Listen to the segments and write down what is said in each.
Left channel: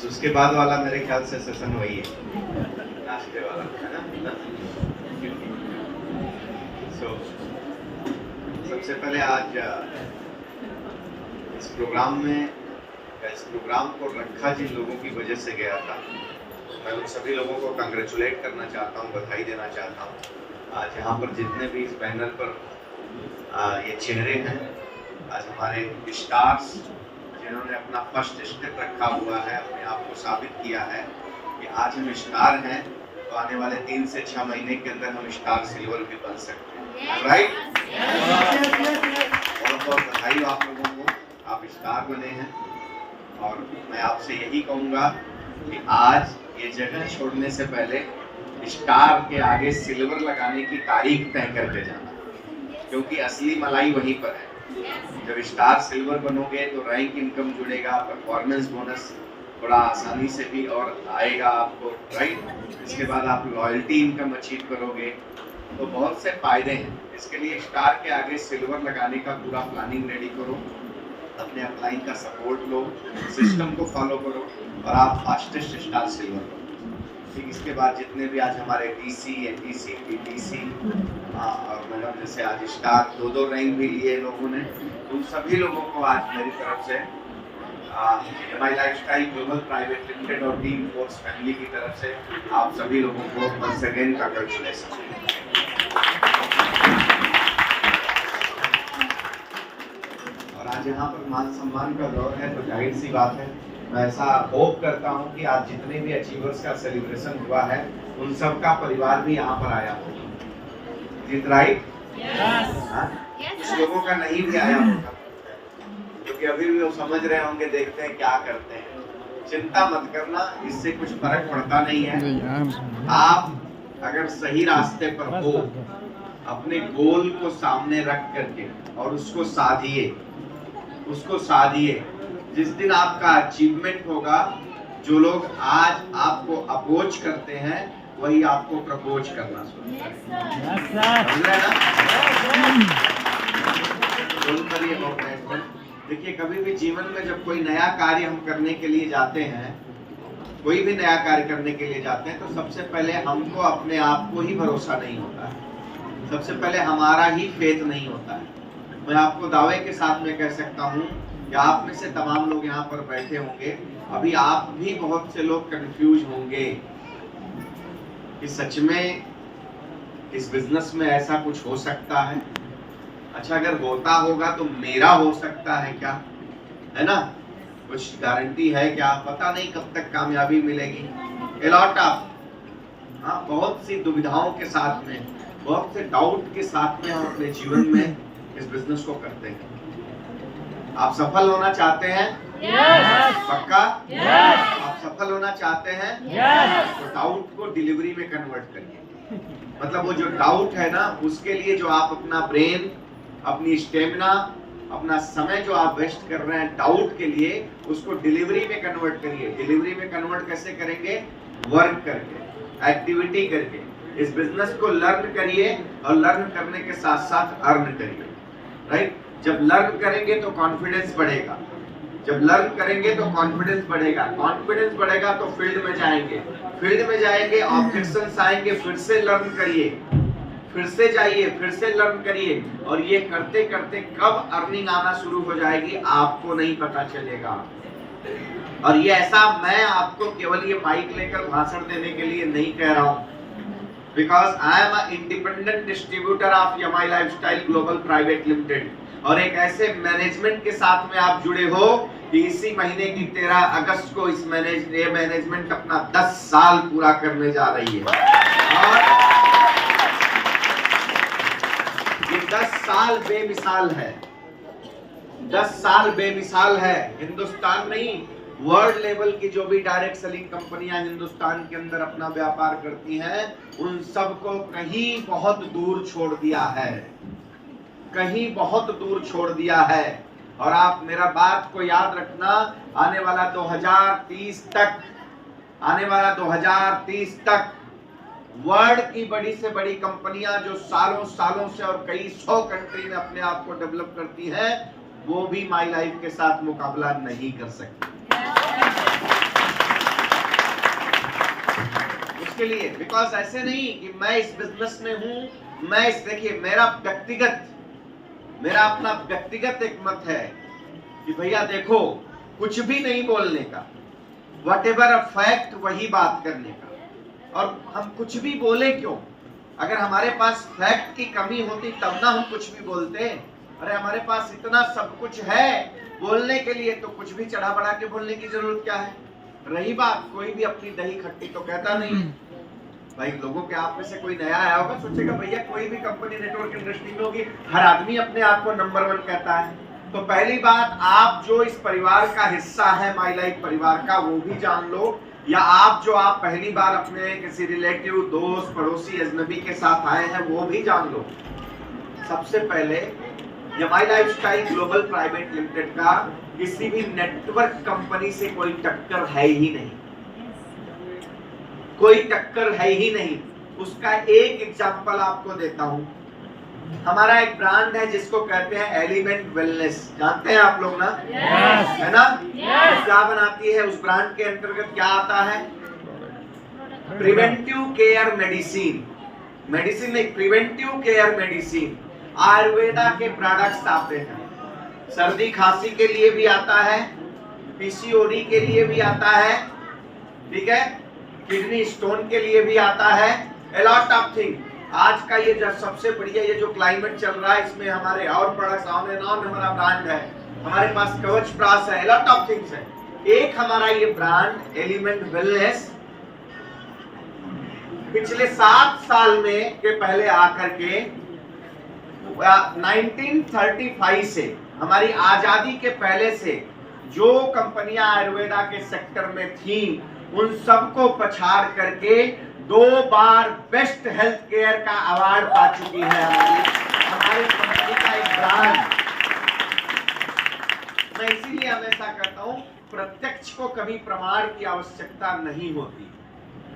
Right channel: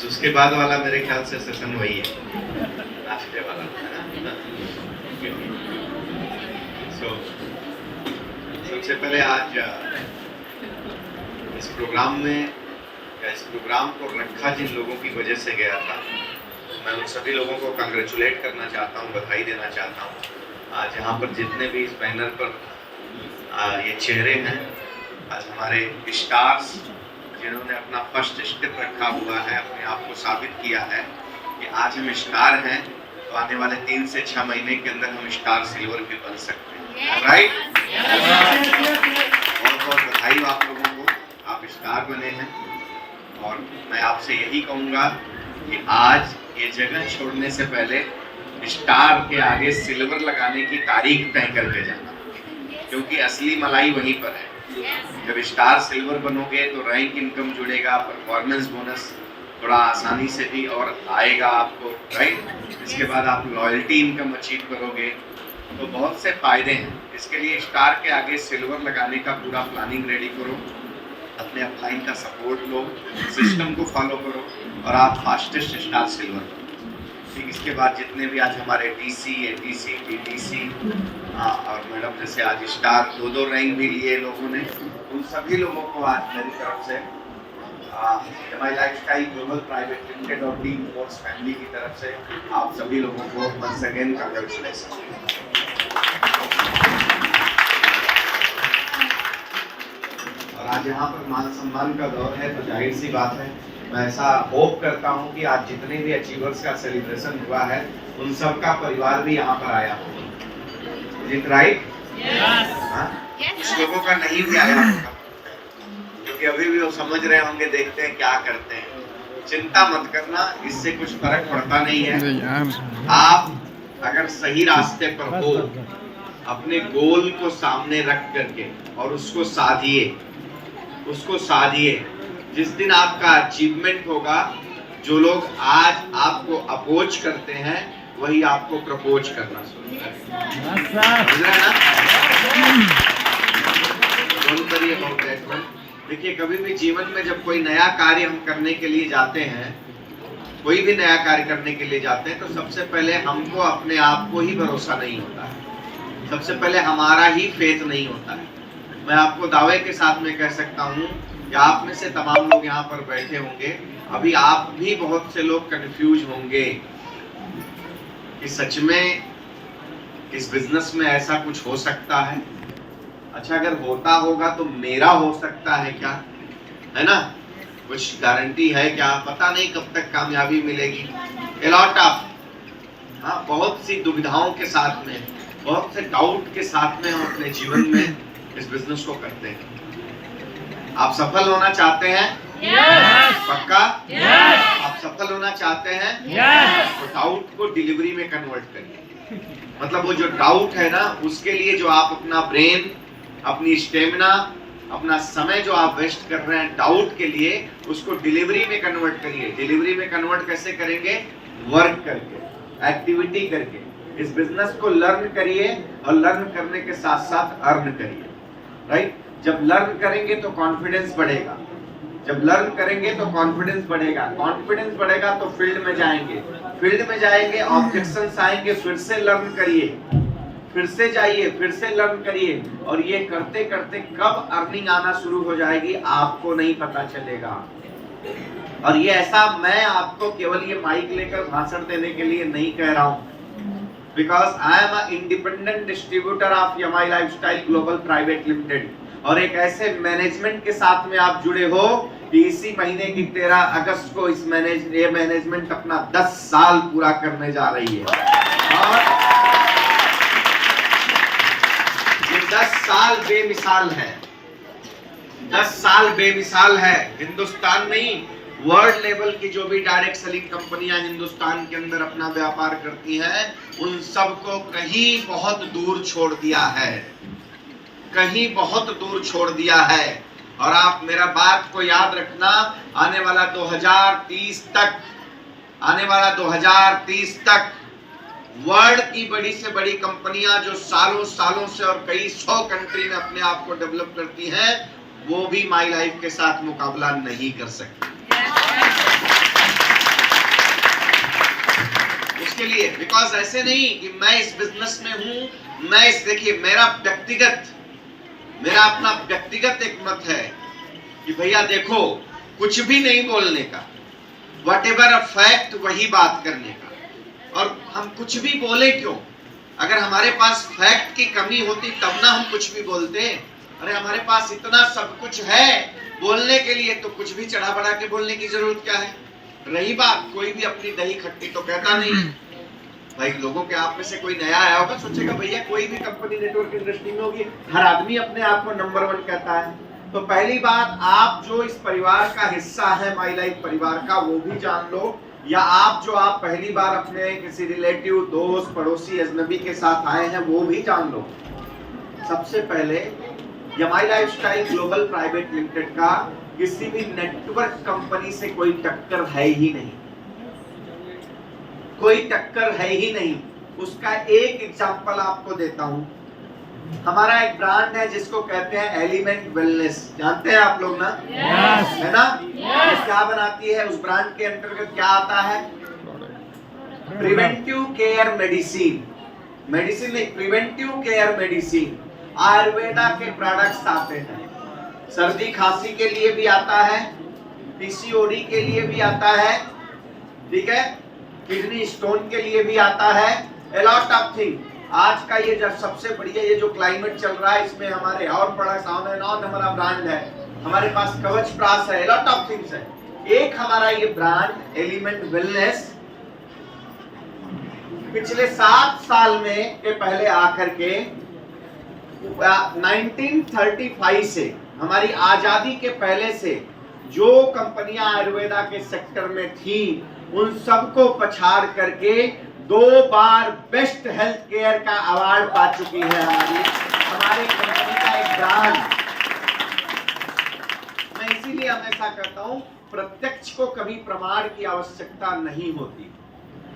बस उसके बाद वाला मेरे ख्याल से सेशन वही है, नाश्ते वाला, है ना? सबसे पहले आज इस प्रोग्राम को रखा जिन लोगों की वजह से गया था, मैं उन सभी लोगों को कंग्रेचुलेट करना चाहता हूँ, बधाई देना चाहता हूँ। आज यहाँ पर जितने भी इस बैनर पर ये चेहरे हैं, आज हमारे स्टार्स जिन्होंने अपना फर्स्ट स्टेप रखा हुआ है, अपने आप को साबित किया है कि आज हम स्टार हैं, तो आने वाले 3 से 6 महीने के अंदर हम स्टार सिल्वर भी बन सकते हैं, राइट? बहुत बहुत बधाई आप लोगों को, आप स्टार बने हैं। और मैं आपसे यही कहूँगा कि आज ये जगह छोड़ने से पहले स्टार के आगे सिल्वर लगाने की तारीख तय करके जाना, क्योंकि असली मलाई वहीं पर है। जब स्टार सिल्वर बनोगे तो रैंक इनकम जुड़ेगा, परफॉर्मेंस बोनस थोड़ा आसानी से भी और आएगा आपको, राइट? इसके बाद आप लॉयल्टी इनकम अचीव करोगे, तो बहुत से फायदे हैं। इसके लिए स्टार के आगे सिल्वर लगाने का पूरा प्लानिंग रेडी करो, अपने अपलाइन का सपोर्ट लो, सिस्टम को फॉलो करो और आप फास्टेस्ट स्टार सिल्वर हो। ठीक, इसके बाद जितने भी आज हमारे डीसी, एटीसी, बीटीसी और मैडम जैसे आज स्टार 2-2 रैंक भी लिए लोगों ने, उन सभी लोगों को आज मेरी तरफ से माई लाइफस्टाइल ग्लोबल प्राइवेट लिमिटेड और टीम फोर्स फैमिली की तरफ से आप सभी लोगों को वंस अगेन कांग्रेचुलेशन। और आज यहाँ पर मान सम्मान का दौर है, तो जाहिर सी बात है, मैं ऐसा होप करता हूँ कि आज जितने भी अचीवर्स का सेलिब्रेशन हुआ है, उन सब का परिवार भी यहाँ पर आया हो, राइट? कुछ लोगों का नहीं भी आया होगा, क्योंकि अभी भी वो समझ रहे होंगे, देखते हैं क्या करते हैं। चिंता मत करना, इससे कुछ फर्क पड़ता नहीं है। आप अगर सही रास्ते पर हो, अपने गोल को सामने रख करके और उसको साधिए। जिस दिन आपका अचीवमेंट होगा, जो लोग आज आपको अपोज करते हैं, वही आपको प्रपोज करना समझ रहे हैं ना? देखिए, कभी भी जीवन में जब कोई नया कार्य हम करने के लिए जाते हैं, कोई भी नया कार्य करने के लिए जाते हैं, तो सबसे पहले हमको अपने आप को ही भरोसा नहीं होता है, सबसे पहले हमारा ही फेथ नहीं होता है। मैं आपको दावे के साथ में कह सकता हूँ कि आप में से तमाम लोग यहाँ पर बैठे होंगे, अभी आप भी बहुत से लोग कंफ्यूज होंगे कि सच में इस बिजनेस में ऐसा कुछ हो सकता है। अच्छा, अगर होता होगा तो मेरा हो सकता है क्या, है ना? कुछ गारंटी है क्या? पता नहीं कब तक कामयाबी मिलेगी। बहुत सी दुविधाओं के साथ में, बहुत से डाउट के साथ में हम अपने जीवन में इस बिजनेस को करते हैं। आप सफल होना चाहते हैं? पक्का? आप सफल होना चाहते हैं? तो डाउट को डिलीवरी में कन्वर्ट करिए। मतलब वो जो डाउट है ना, उसके लिए जो आप अपना ब्रेन, अपनी स्टेमिना, अपना समय जो आप वेस्ट कर रहे हैं डाउट के लिए, उसको डिलीवरी में कन्वर्ट करिए। डिलीवरी में कन्वर्ट कैसे करेंगे? वर्क करके, एक्टिविटी करके। इस बिजनेस को लर्न करिए और लर्न करने के साथ साथ अर्न करिए, राइट? जब लर्न करेंगे तो कॉन्फिडेंस बढ़ेगा, जब लर्न करेंगे तो कॉन्फिडेंस बढ़ेगा, कॉन्फिडेंस बढ़ेगा तो फील्ड में जाएंगे, फील्ड में जाएंगे ऑब्जेक्शंस आएंगे, फिर से लर्न करिए, फिर से जाइए, फिर से लर्न करिए, और ये करते करते कब अर्निंग आना शुरू हो जाएगी आपको नहीं पता चलेगा। और ये ऐसा मैं आपको केवल ये माइक लेकर भाषण देने के लिए नहीं कह रहा हूँ, because I am an independent distributor of Yamai Lifestyle Global Private Limited, और एक ऐसे मैनेजमेंट के साथ में आप जुड़े हो कि इसी महीने की 13 अगस्त को इस मैनेजमेंट अपना 10 साल पूरा करने जा रही है। और ये 10 साल बेमिसाल है, 10 साल बेमिसाल है। हिंदुस्तान नहीं, वर्ल्ड लेवल की जो भी डायरेक्ट सेलिंग कंपनियां हिंदुस्तान के अंदर अपना व्यापार करती हैं, उन सबको कहीं बहुत दूर छोड़ दिया है, कहीं बहुत दूर छोड़ दिया है। और आप मेरा बात को याद रखना, आने वाला 2030 तक वर्ल्ड की बड़ी से बड़ी कंपनियां जो सालों सालों से और कई 100 कंट्री में अपने आप को डेवलप करती हैं, वो भी माई लाइफ के साथ मुकाबला नहीं कर सकती। उसके लिए, बिकॉज ऐसे नहीं कि मैं इस बिजनेस में हूं, मैं इस, देखिए मेरा अपना व्यक्तिगत एक मत है कि भैया देखो कुछ भी नहीं बोलने का, वट एवर अ फैक्ट वही बात करने का। और हम कुछ भी बोले क्यों? अगर हमारे पास फैक्ट की कमी होती तब ना हम कुछ भी बोलते। अरे हमारे पास इतना सब कुछ है बोलने के लिए, तो कुछ भी चढ़ा बढ़ा के बोलने की जरूरत क्या है? रही बात, कोई भी अपनी दही खट्टी तो कहता नहीं भाई। लोगों के आप में से कोई नया आया होगा, सोचेगा भैया कोई भी कंपनी नेटवर्क इंडस्ट्री में होगी, हर आदमी अपने आप को नंबर 1 कहता है। तो पहली बात, आप जो इस परिवार का हिस्सा है, माई लाइफ परिवार का, वो भी जान लो, या आप पहली बार अपने किसी रिलेटिव, दोस्त, पड़ोसी, अजनबी के साथ आए हैं, वो भी जान लो। सबसे पहले ये माई लाइफस्टाइल ग्लोबल प्राइवेट लिमिटेड का किसी भी नेटवर्क कंपनी से कोई टक्कर है ही नहीं, कोई टक्कर है ही नहीं। उसका एक एग्जांपल आपको देता हूं। हमारा एक ब्रांड है जिसको कहते हैं एलिमेंट वेलनेस, जानते हैं आप लोग ना? yes. है ना? yes. क्या बनाती है? उस ब्रांड के अंतर्गत क्या आता है? प्रिवेंटिव केयर मेडिसिन, मेडिसिन नहीं, प्रिवेंटिव केयर मेडिसिन, आयुर्वेदा के प्रोडक्ट्स आते हैं। सर्दी खांसी के लिए भी आता है, पीसीओडी के लिए भी आता है, ठीक है, किडनी स्टोन के लिए भी आता है, a lot of thing। आज का ये जब सबसे बढ़िया ये जो क्लाइमेट चल रहा है, इसमें हमारे और प्रोडक्ट्स, हमारा ब्रांड है, हमारे पास कवच प्रास है, a lot of things है। एक हमारा ये ब्रांड एलिमेंट वेलनेस पिछले 7 साल में के पहले आकर के 1935 से, हमारी आजादी के पहले से जो कंपनियां आयुर्वेदा के सेक्टर में थी, उन सबको पछाड़ करके 2 बार बेस्ट हेल्थ केयर का अवार्ड पा चुकी है हमारी कंपनी का एक ब्रांड। मैं इसीलिए हमेशा कहता हूं, प्रत्यक्ष को कभी प्रमाण की आवश्यकता नहीं होती।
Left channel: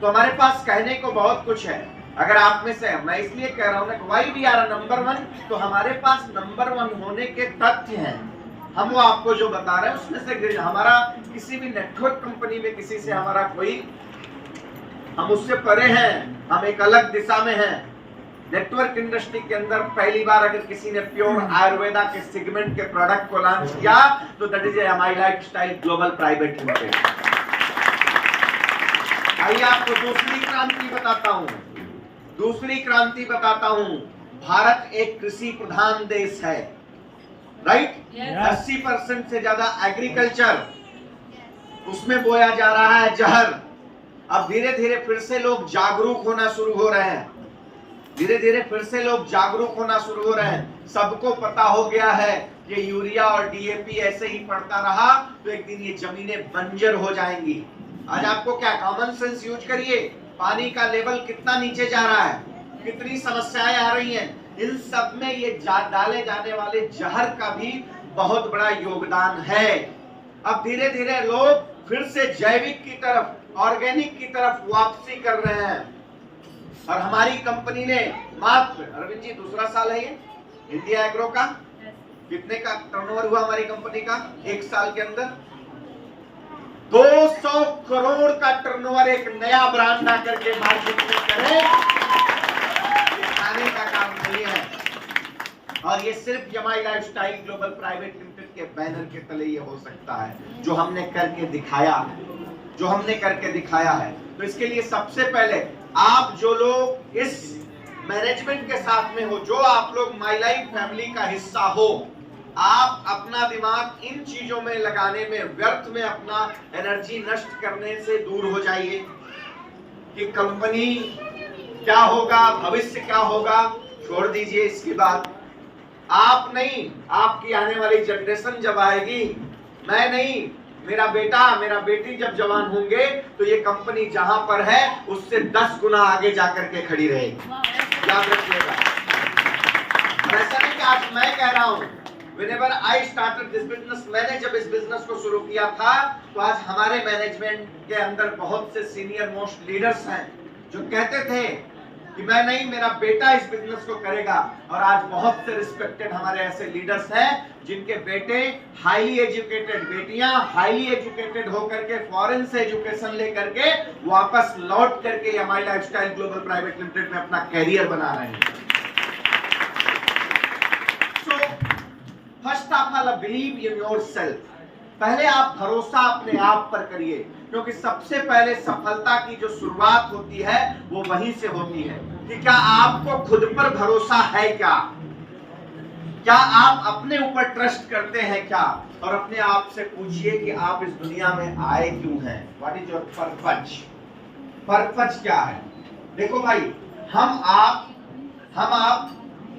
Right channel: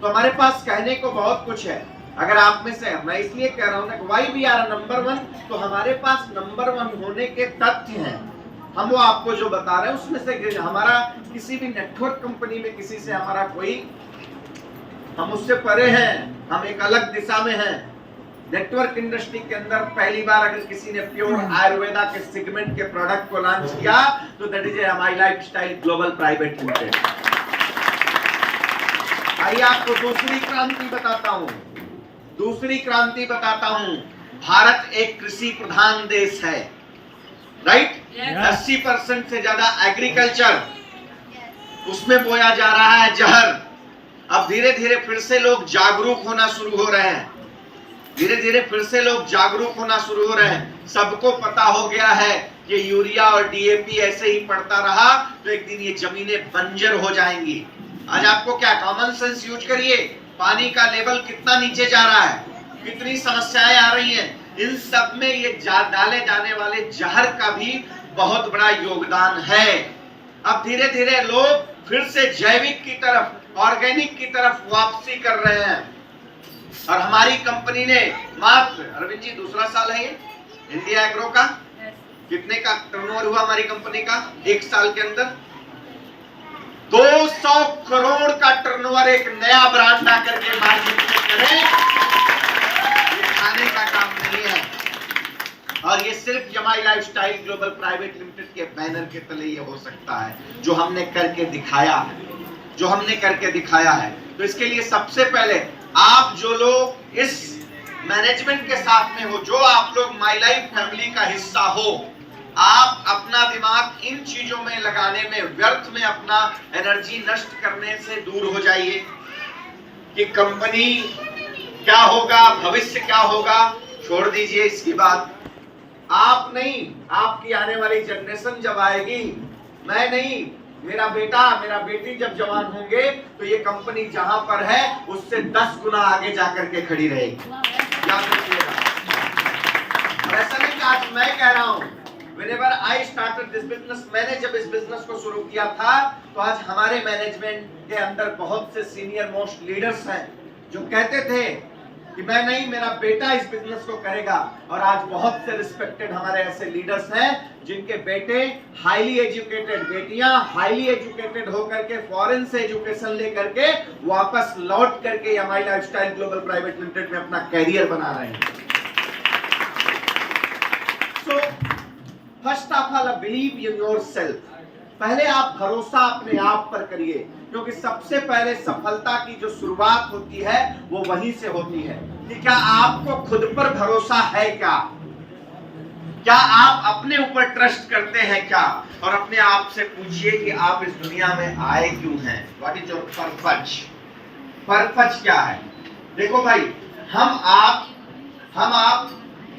तो हमारे पास कहने को बहुत कुछ है। अगर आप में से, मैं इसलिए कह रहा हूं ना, व्हाई वी आर नंबर 1, तो हमारे पास नंबर 1 होने के तथ्य हैं। हम वो आपको जो बता रहे हैं उसमें से हमारा किसी भी नेटवर्क कंपनी में किसी से हमारा कोई, हम उससे परे हैं, हम एक अलग दिशा में हैं। नेटवर्क इंडस्ट्री के अंदर पहली बार अगर किसी ने प्योर आयुर्वेदा के सेगमेंट के प्रोडक्ट को लॉन्च किया, तो that is my lifestyle global private limited. आइए आपको दूसरी क्रांति बताता हूं, दूसरी क्रांति बताता हूं। भारत एक कृषि प्रधान देश है, राइट? 80% से ज्यादा एग्रीकल्चर, उसमें बोया जा रहा है जहर। अब धीरे धीरे फिर से लोग जागरूक होना शुरू हो रहे हैं, धीरे धीरे फिर से लोग जागरूक होना शुरू हो रहे हैं। सबको पता हो गया है कि यूरिया और डीएपी ऐसे ही पड़ता रहा तो एक दिन ये जमीनें बंजर हो जाएंगी। आज आपको क्या, कॉमन सेंस यूज करिए, पानी का लेवल कितना नीचे जा रहा है, कितनी समस्याएं आ रही हैं। इन सब में ये डाले जाने वाले जहर का भी बहुत बड़ा योगदान है। अब धीरे धीरे लोग फिर से जैविक की तरफ, ऑर्गेनिक की तरफ वापसी कर रहे हैं। और हमारी कंपनी ने मात्र, अरविंद जी दूसरा साल है ये इंडिया एग्रो का, कितने का टर्नओवर हुआ हमारी कंपनी का 1 साल के अंदर? 200 करोड़ का टर्नओवर एक नया ब्रांड आकर के मार्केट में करे, खाने का काम नहीं है। और ये सिर्फ जमाई लाइफस्टाइल ग्लोबल प्राइवेट लिमिटेड के बैनर के तले ये हो सकता है, जो हमने करके दिखाया है, जो हमने करके दिखाया है। तो इसके लिए सबसे पहले आप जो लोग इस मैनेजमेंट के साथ में हो, जो आप लोग माई लाइफ फैमिली का हिस्सा हो, आप अपना दिमाग इन चीजों में लगाने में, व्यर्थ में अपना एनर्जी नष्ट करने से दूर हो जाइए कि कंपनी क्या होगा, भविष्य क्या होगा, छोड़ दीजिए इसकी बात। आप नहीं, आपकी आने वाली जनरेशन जब आएगी, मैं नहीं, मेरा बेटा, मेरा बेटी जब जवान होंगे, तो ये कंपनी जहां पर है उससे 10 गुना आगे जाकर के खड़ी रहेगी। याद रखिएगा। ऐसा नहीं कि आज मैं कह रहा हूं, Whenever I started this business, मैंने जब इस बिजनेस को शुरू किया था, तो आज हमारे मैनेजमेंट के अंदर बहुत से सीनियर मोस्ट लीडर्स हैं जो कहते थे कि मैं नहीं, मेरा बेटा इस बिजनेस को करेगा। और आज बहुत से रिस्पेक्टेड हमारे ऐसे लीडर्स हैं जिनके बेटे हाईली एजुकेटेड, बेटियां हाईली एजुकेटेड होकर के फॉरेन से एजुकेशन लेकर के वापस लौट करके MI lifestyle global private limited में अपना कैरियर बना रहे हैं। So first of all believe in yourself. पहले आप भरोसा अपने आप पर करिए, क्योंकि सबसे पहले सफलता की जो शुरुआत होती है वो वहीं से होती है। कि क्या आपको खुद पर भरोसा है? क्या आप अपने ऊपर ट्रस्ट करते हैं क्या? और अपने आप से पूछिए कि आप इस दुनिया में आए क्यों हैं? What is your purpose? Purpose क्या है? देखो भाई, हम आप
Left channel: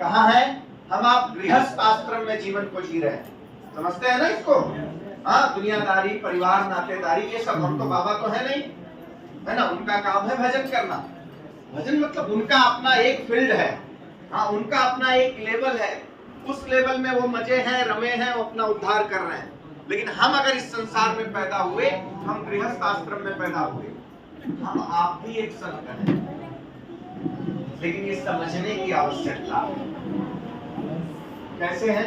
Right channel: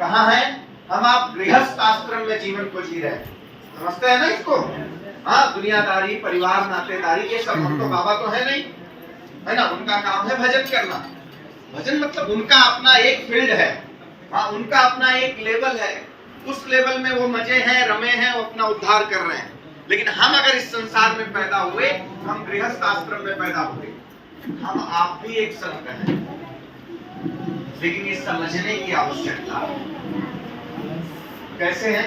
कहाँ हैं? हम आप गृहस्थ आश्रम में जीवन को जी रहे हैं, समझते हैं ना इसको? हाँ, दुनियादारी, परिवार, नातेदारी, ये सब हम तो बाबा तो है नहीं, है ना? उनका काम है भजन करना। भजन मतलब उनका अपना एक फील्ड है, हाँ, उनका अपना एक लेवल है। उस लेवल में वो मजे हैं, रमे हैं, वो अपना उद्धार कर रहे हैं। लेकिन हम अगर इस संसार में पैदा हुए, हम गृहस्थ आश्रम में पैदा हुए, हम आप भी एक संत हैं। लेकिन ये समझने की आवश्यकता कैसे है?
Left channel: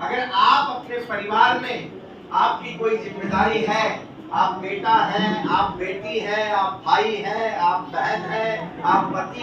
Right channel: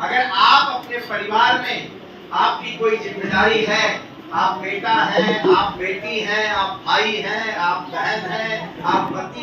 अगर आप अपने परिवार में आपकी कोई जिम्मेदारी है, आप बेटा हैं, आप बेटी हैं, आप भाई हैं, आप बहन हैं, आप पति